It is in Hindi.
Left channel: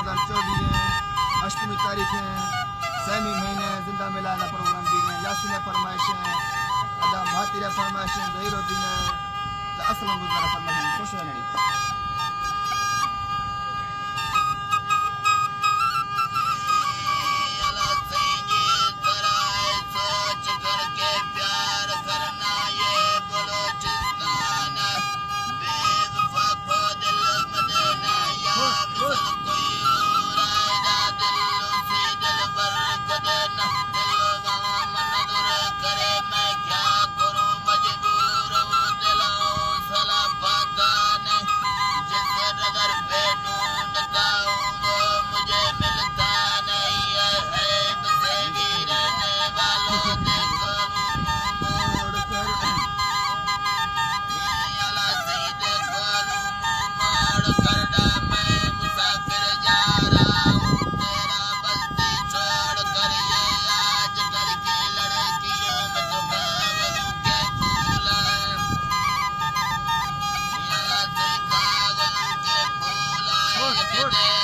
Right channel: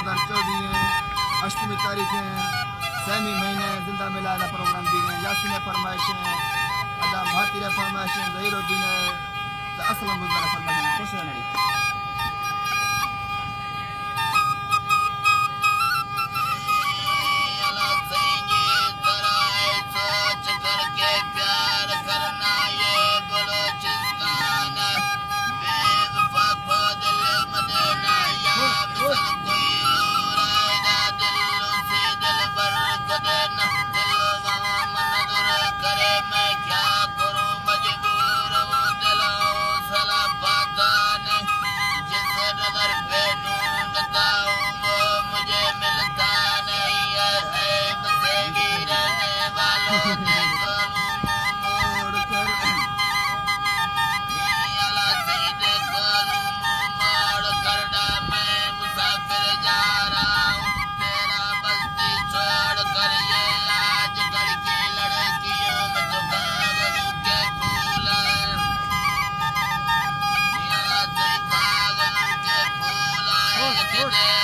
2024 है, 8वीं तारीख है, 6वें महीने जिंदा मिला प्रोग्राम दी गए, यासीन फरमाइशें अदा भातीरा फरमाइशें जहीरुद्दीन असलम गुजरा फरमाइशें खुश रहने Good.